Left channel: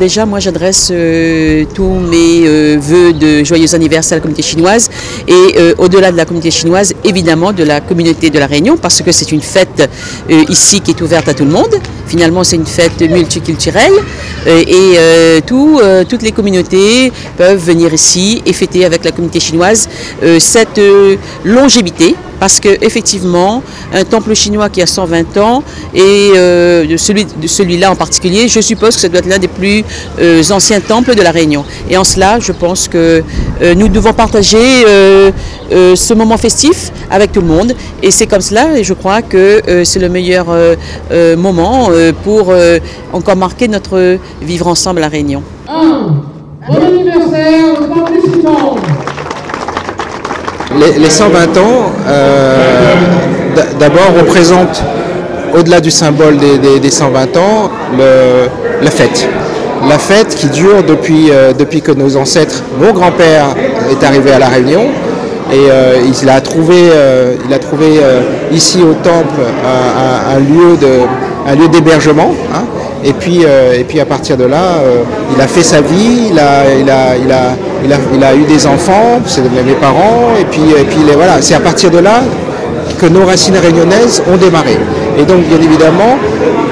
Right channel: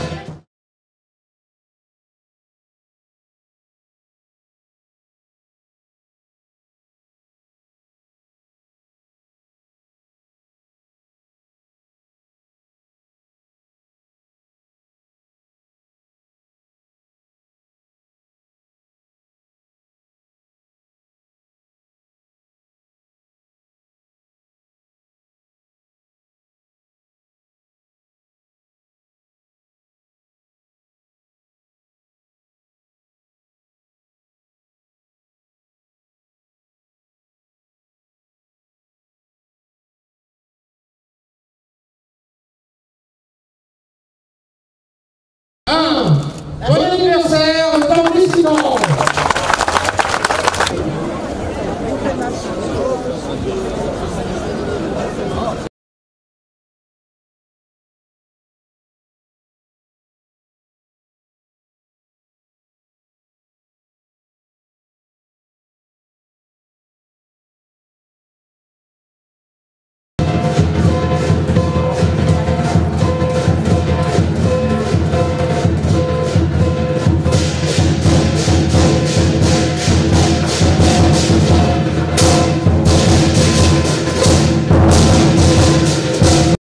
déjà, moi, j'adresse tous mes vœux de joyeux anniversaire à la communauté chinoise et au-delà de la communauté chinoise, évidemment, de la communauté de la Réunion, parce que c'est une fête ici qui est ouverte à tout le monde. Finalement, c'est une fête multiculturelle et toutes les communautés peuvent venir ici et fêter avec la communauté chinoise cette longévité. Parce qu'effectivement, un temple chinois qui a 120 ans et celui-là en particulier, je suppose que ça doit être l'un des plus anciens temples de la Réunion. Et en cela, je pense que nous devons partager ce moment festif avec tout le monde. Et c'est comme cela, et je crois que c'est le meilleur moment pour encore marquer notre vivre ensemble à la Réunion. Bon anniversaire, le temple suivant. Les 120 ans, d'abord, représentent, au-delà du symbole des 120 ans, la fête. La fête qui dure depuis que nos ancêtres, mon grand-père est arrivé à La Réunion. Et il a trouvé ici au temple un lieu d'hébergement. Hein. Et puis à partir de là, il a fait sa vie, il a eu des enfants, c'est mes parents, et puis voilà, c'est à partir de là que nos racines réunionnaises ont démarré. Et donc bien évidemment,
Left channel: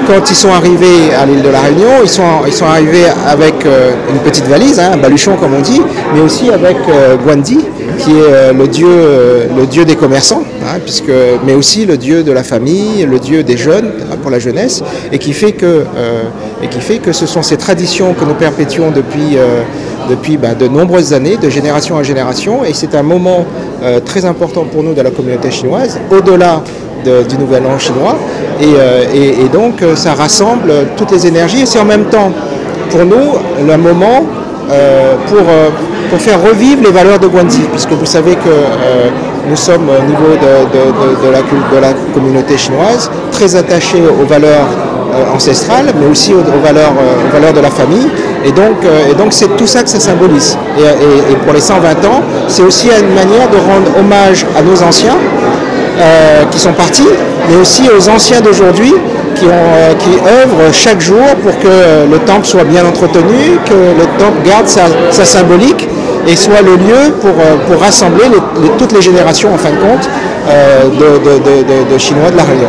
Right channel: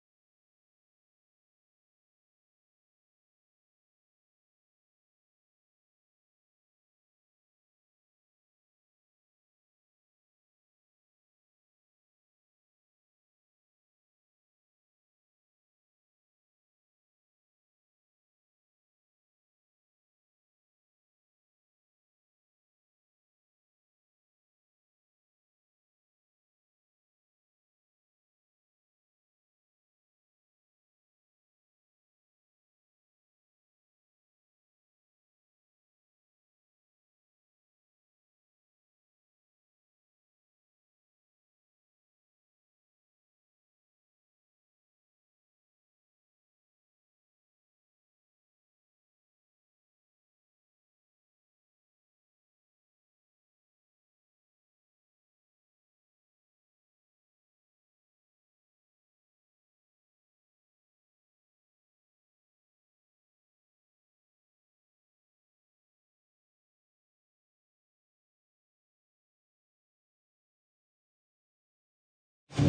quand ils sont arrivés à l'île de la Réunion, ils sont arrivés avec une petite valise, hein, un baluchon comme on dit, mais aussi avec Gwandi, qui est le dieu des commerçants, hein, mais aussi le dieu de la famille, le dieu des jeunes, hein, pour la jeunesse, et qui fait que ce sont ces traditions que nous perpétuons depuis de nombreuses années, de génération en génération, et c'est un moment très important pour nous de la communauté chinoise, au-delà du Nouvel An chinois, et donc ça rassemble toutes les énergies, et c'est en même temps pour nous le moment pour faire revivre les valeurs de Gwandi, puisque vous savez que nous sommes au niveau de la communauté chinoise très attachés aux valeurs ancestrales, mais aussi aux valeurs de la famille. Et donc c'est tout ça que ça symbolise. Et pour les 120 ans, c'est aussi une manière de rendre hommage à nos anciens qui sont partis, mais aussi aux anciens d'aujourd'hui qui œuvrent chaque jour pour que le temple soit bien entretenu, que le temple garde sa symbolique et soit le lieu pour rassembler toutes les générations, en fin de compte, de Chinois de la Réunion.